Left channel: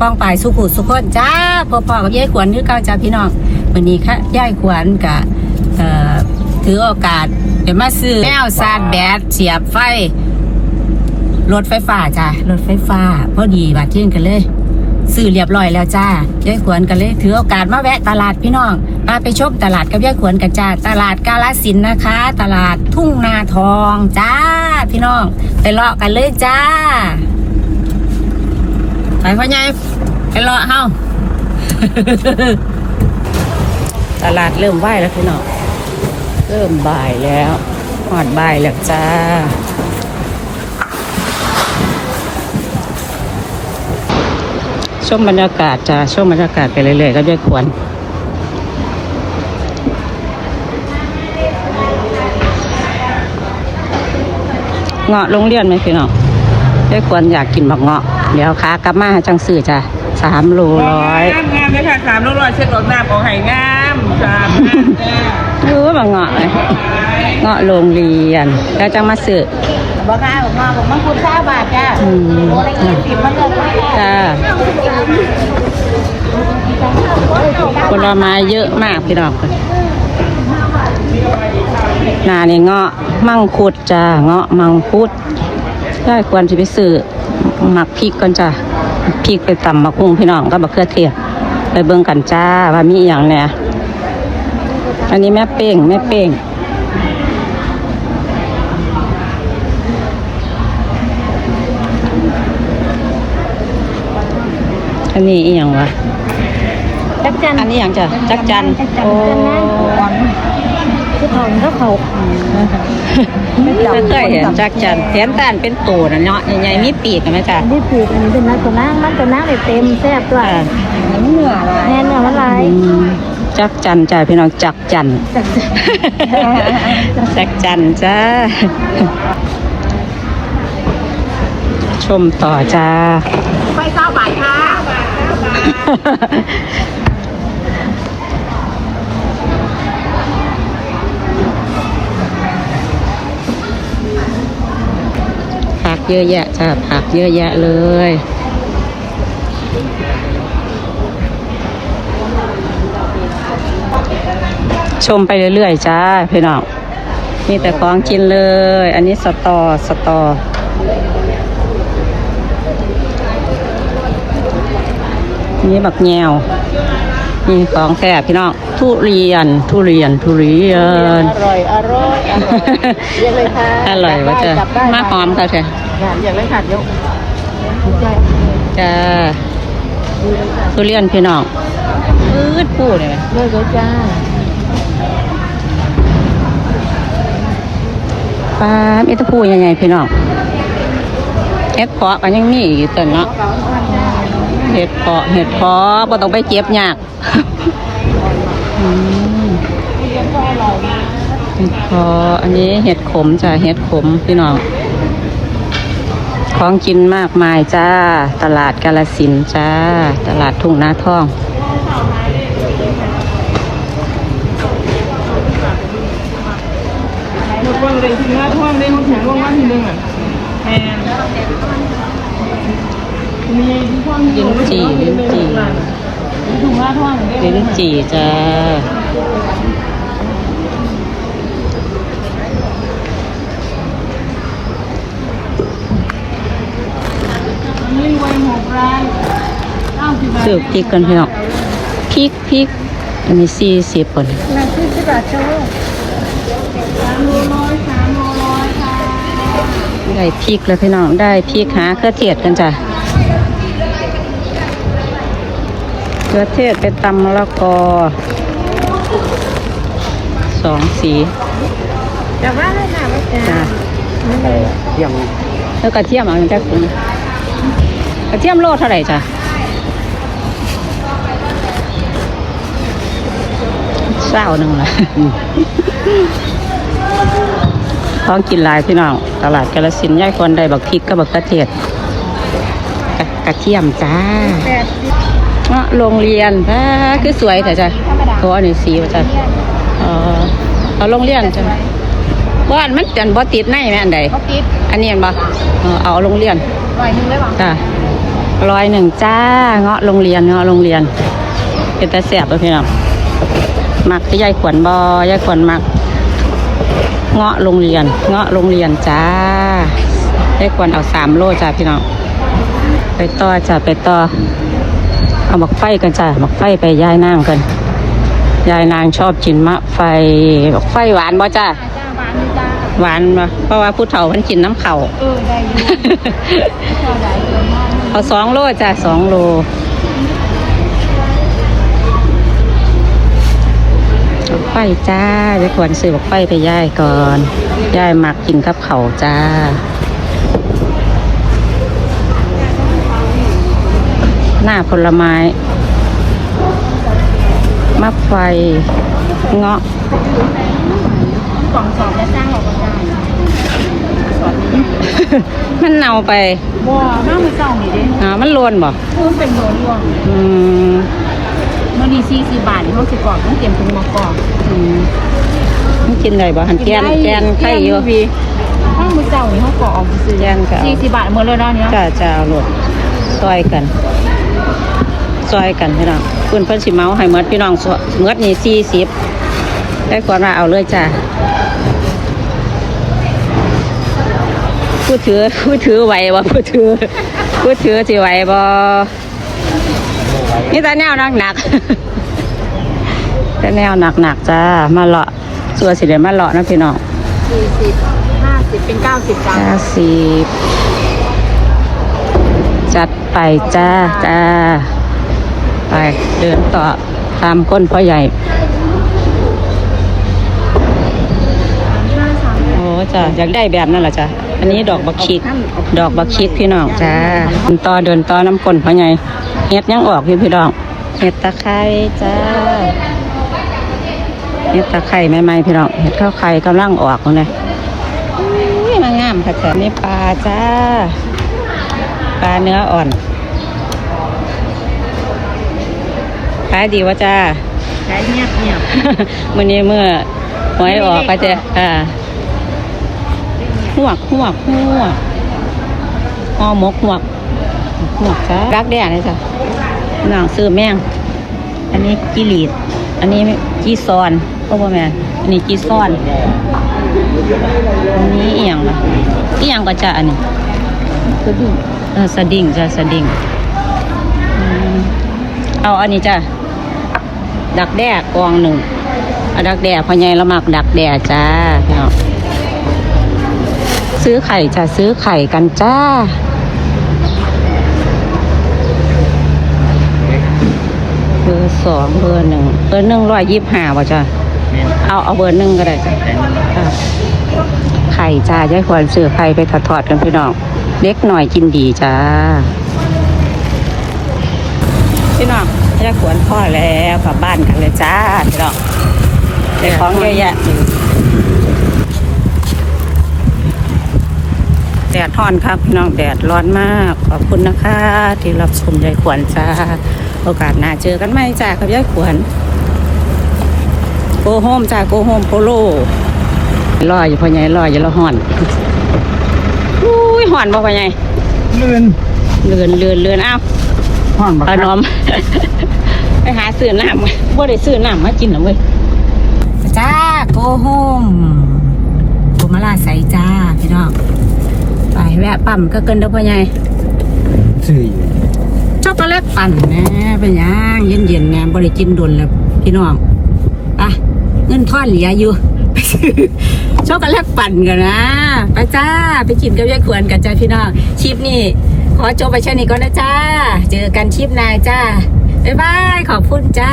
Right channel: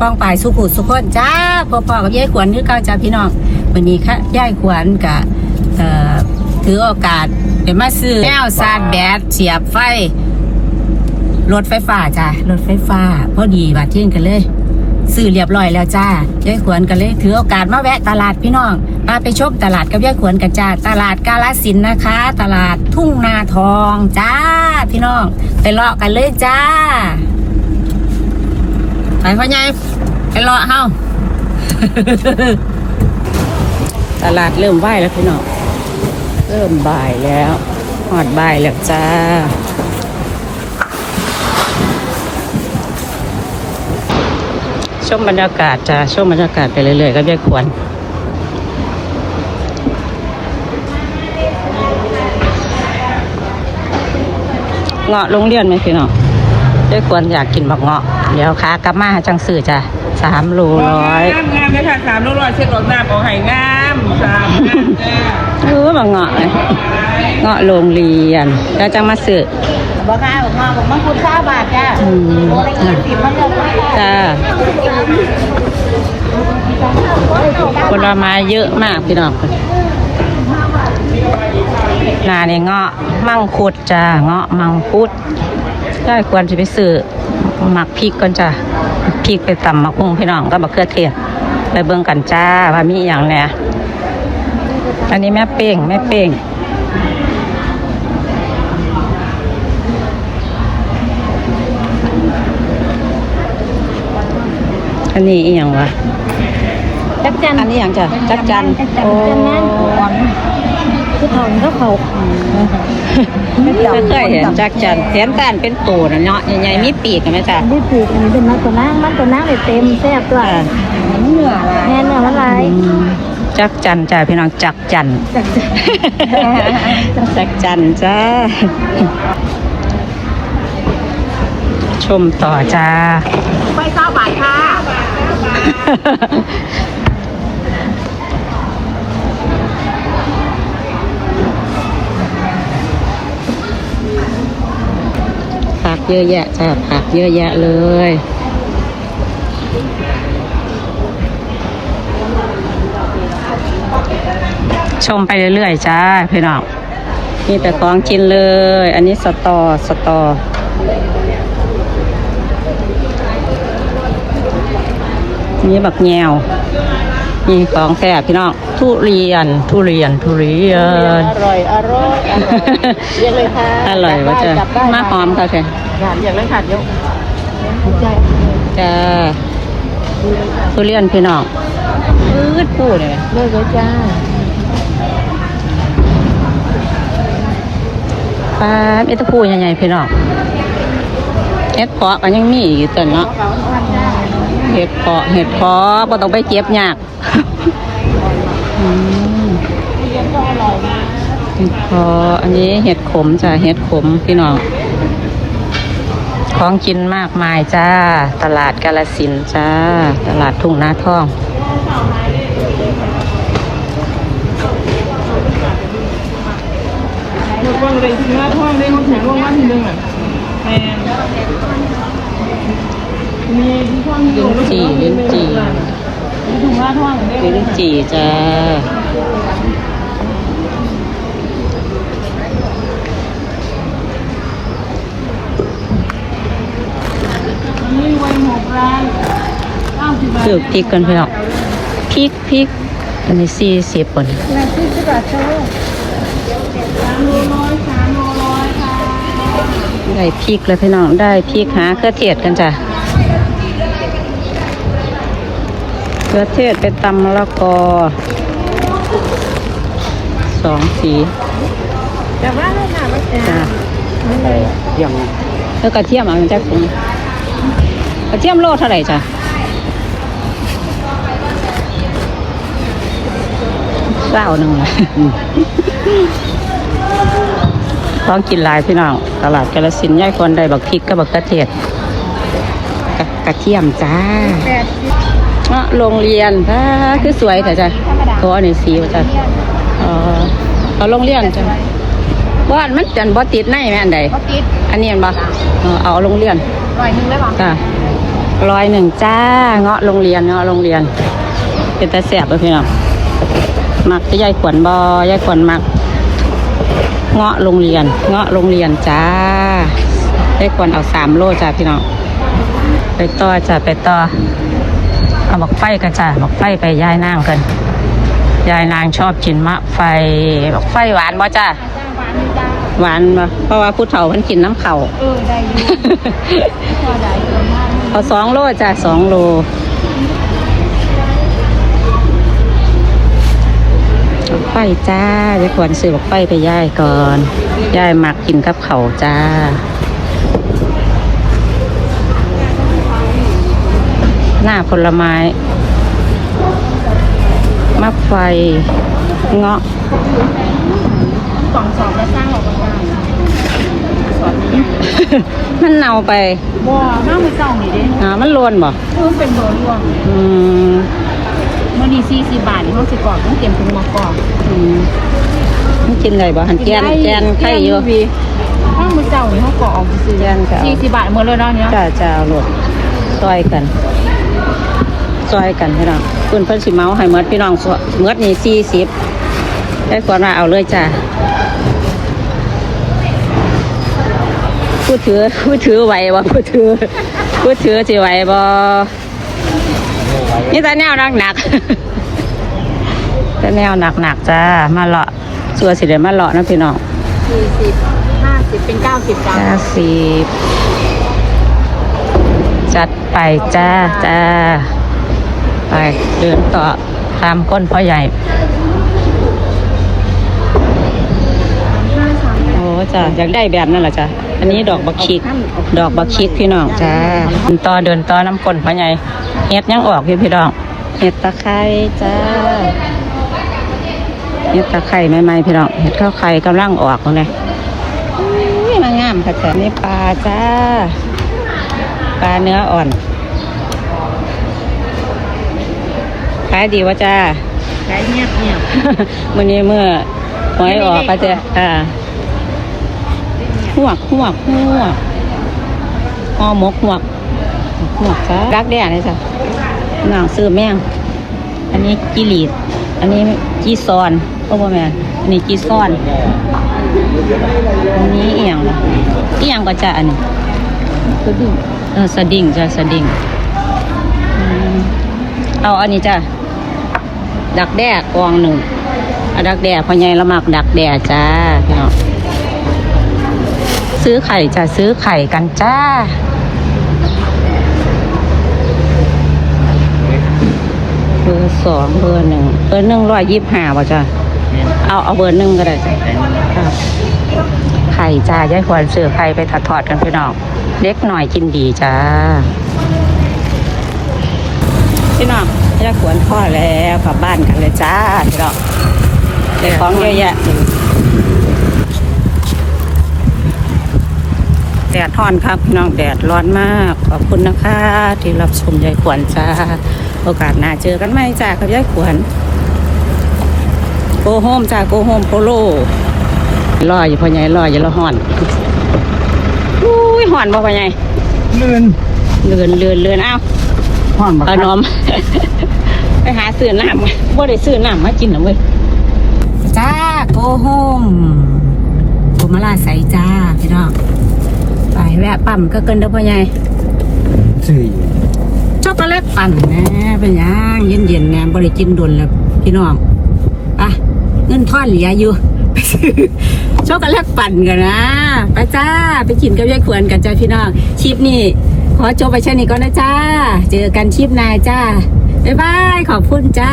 ป้องปายสุขุสุขคนจ้าพอๆกับยายขวัญคือเก่าจ้าพี่น้องวันนี้ค่ะยายขวัญกะเอ่อถือโอกาสเดี๋ยวมาซื้อแก้วซาดแบตเสียบไฟรถไฟฟ้าจ้ารถไฟฟ้าพอดีบาดเที่ยงกันเลยซื้อเรียบร้อยแล้วจ้ายายขวัญกันเลยถือโอกาสมาแวะตลาดพี่น้องมาไปชมตลาดกับยายขวัญกันจ้าตลาดกาลสินนะคะ ตลาดทุ่งนาทองจ้าพี่น้อง ไปเลาะกันเลยจ้า ไปพ่อใหญ่ไปเลาะเฮาตลาดเริ่มไหวแล้วพี่น้องเริ่มบ่ายแล้วหอดบ่ายแล้วจ้าชมบรรยากาศจ้าชมบรรยากาศไปเรื่อยๆก็ได้ควรเงาะโรงเรียนไหมพี่น้องได้ควรอยากกินบักเงาะ เดี๋ยวค้ากลับมาจังสื่อจ้ะสามร้อยงามงามเลยค่ะสามร้อยเช็ดออกน้ำออกไห้งามค่าเออบักเงาะเลยเงาะโรงเรียนแล้วจะมาสื่อบ้าค่ะหลวงพ่อผมต้องคุณทราบบาทจ้าอืมจ้ะเก็บมาเลือกไว้ค่ะจ้าผลไม้เยอะมากพี่น้องนานี่เงาะมังคุดจ้าเงาะมังคุดก็ควรจะไปซื้อ หมักพริกก่อนจ้าพริกไปตำมะกุ้งพี่น้องก็บะเขือเทศไปเบิ่งกันจ้าว่ามีอหย่างเนี่ยอันนี้แม่เป้งแม่เป้งอันนี้อีหยังไงจักจันอันนี้อหย่างจ้ะจักจันจักจัน จันนั่นคือทองก็เขาเคยเห็นจักจันแทนตานเป็นปูนะเนาะใหญ่ๆมีปีกไหมจ้ะที่ปลูกอันนี้เป็นไงคนนั้นคนนั้นเนี่ยเต็มแซ่บด้วยอ่าเหนือแน่นอนอะไรอืมจักจันจ้าพี่น้องจักจันจักจันจ้าชุมต่อจ้า ผักเยอะแยะจ้าผักเยอะแยะเลยชมไปเรื่อยๆจ้าพี่น้องมีแต่ของกินเลย อันนี้สตอสตอนนี้บักแงวมีของแฝบพี่น้องทุเรียนทุเรียนทุเรียน อะไรวะจ้ะมาหอมค่ะเธอหวานอย่างนั้นค่ะเนาะจ้าทุเรียนพี่น้องมืดพูดเลยมาเลยจ้าอ่ามีแตะพูใหญ่ๆพี่น้องเห็ดเพาะก็ยังมีอยู่ตรงเนาะเห็ดเพาะเห็ดเพาะบ่ต้องไปเก็บยากอืม เห็ดเพาะอันนี้เห็ดขมจ้ะเห็ดขมพี่น้องของกินมากมายจ้า ตลาดกาลสินจ้า ตลาดทุ่งนาทองเลือกว่าเลยที่หน้นห้องแถวห้องนั้นหนึ่งมีท่วมเล่นจีเล่นจี่จ้า มีวันหกร้านเก้าสิบ ซื้อพริกกันพี่น้องพริกพริกอันนี้สี่สิบคนนาทีจะกระโชกสามร้อยสามร้อยได้พริกแล้วพี่น้องได้พริกหาเครือเทศกันจ้ะเครือเทศเป็นตำมะละกอสองสีแล้วกระเทียมเอาจากกระเทียมโลเท่าไหร่จ้ะเศร้า หนึ่งละของกินลายพี่น้องตลาดกาลสินธุ์ย่ายคนได้บักพริกกับบักกระเทียมกระกระเทียมจ้าอะโรงเรียนจ้าคือสวยแต่จ้ะตัวอันนี้สีจ้ะเอาโรงเรียนจ้ะว่านมันจันบ่ติดในแม่อันใดอันนี้เห็นปะเอาโรงเรียนหน่อยนึงแล้วหรออ่าร้อยหนึ่งจ้าเงาะโรงเรียนเงาะโรงเรียน เป็นตาแสบเลยพี่น้องมักก็ยายขวนบอยายขวนมักเงาะโรงเรียนเงาะโรงเรียนจ้ายายขวนเอาสามโลจ้าพี่น้องไปต่อจ้าไปต่อเอาบักไฟกันจ้าบักไฟไปยายน้ำกันยายนางชอบกินมะไฟบักไฟหวานบ่จ้าหวานบ่เพราะว่าผู้เฒ่ามันกินน้ำเข่าเออได้อยู่เอาสองโลจ้ะสองโล ฟจ้าจะควรซื้อไฟไปย่ายก่อนย่ายมักกินกับเขาวจ้าหน้าผลไม้มะไฟเงาะสองสองจะสร้างออกมาได้มันเน่าไปบัวถ้ามือเก่านี่เด้อ่ามันรวนบ่มันเป็นเบอร์รี่อืมมันนี่สี่สิบบาทมันจะก่อนต้องเก็บเป็นราคาอืม มันกินเลยบ่หันแจนแจนไข่อยู่ถ้าวมือเก่าเขาก่อนซื้อแจนกับสี่สิบบาทหมดเลยเนาะเนี้ยจ่าจ่าลูกซอยกันซอยกันพี่น้องคุณเพิ่นสิเมาให้หมดพี่น้องซอยหมดนี่สี่สิบได้ก่อนว่าเอาเลยจ้าผู้ถือผู้ถือไหวบ่ผู้ถือผู้ถือสิไหวบ่นี่ต่แนวหนักหนัก ๆแต่แนวหนักหนักๆจ้า มาเลาะส่วนสิเดี๋ยวมาเลาะนะพี่น้องสี่สิบห้าสิบเป็นเก้าสิบบาทห้าสิบจัดไปจ้าจ้าไปเดินต่อตามก้นพ่อใหญ่ โอ้จ้ะอยากได้แบบนั้นเหรอจ้ะอันนี้ดอกบักชิกดอกบักชิกพี่น้องจ้าเดินต่อเดินต่อน้ำก้นพ่อใหญ่เห็ดยังออกพี่พี่น้องเห็ดตะไคร้จ้า เห็ดตะไคร้ใหม่ๆพี่น้องเห็ดข้าวไข่กำลังออกเลยอุ้ยมางามค่ะจ้ะมีปลาจ้าปลาเนื้ออ่อนขายดีวะจ้าขายมากเลยมื่อนี้เมื่อหวยออกก็จะอ่าหวกหวกหวกอ้อหมกหวกหวกจ้ารักแด่เลยจ้ะน้องซื้อแม่งอันนี้จีหลีด อันนี้จีซอนก็ประมาณอันนี้จีซอน อันนี้เอียงวะเอียงก็จะอันนี้กระดิ่งอ่าสดิ่งจ้ะสดิ่งอืมเอาอันนี้จ้ะดักแด้กองหนึ่งเอาดักแด้พ่อใหญ่ละมักดักแด้จ้าพี่น้องซื้อไข่จะซื้อไข่กันจ้า เบอ ร์สองเบอร์หนึ่งเบอร์หนึ่งร้อยยี่สิบห้าป่ะจ้ะเอาเอาเบอร์หนึ่งก็ได้จ้ะค่ะไข่จ้ายายควรซื้อไข่ไปทอดๆกันพี่น้องเล็กหน่อยกินดีจ้าพี่น้องยายควรพ่อแล้วกลับบ้านกันเลยจ้าพี่น้องได้ของเยอะ ดดร้อนครับพี่น้องแดดร้อนมาก ขอบคุณนะคะ ที่รับชมยายขวัญจ้า โอกาสหน้าเจอกันไหมจ้ากับยายขวัญโกโฮมจ้าโกโฮมโปโลลอยอยู่พ่อใหญ่ลอยอยู่แล้วห่อนอุ้ยห่อนมาพ่อใหญ่ลื่นเลือนเลือนเลือนอ้าวห้องเอานมไปหาซื้อน้ำบ่ได้ซื้อน้ำมากินน้ำเว้ยจ้าโกโฮมกุมาลาใสจ้าพี่น้อง ไปแวะปั๊มก็เกินเด้อพ่อใหญ่สี่ช็อกโกแลตปั่นนะเป็นหยังเย็นเย็นๆแหนบริกินโดนแล้วพี่น้องอะเงินทอนเหลืออยู่ไปซื้อช็อกโกแลตปั่นกันนะไปจ้าไปกินกับยายขวนกันจ้าพี่น้องคลิปนี้ขอจบไปแค่นี้ก่อนนะจ้า เจอกันคลิปหน้าจ้าบ๊ายบายขอบคุณจ้า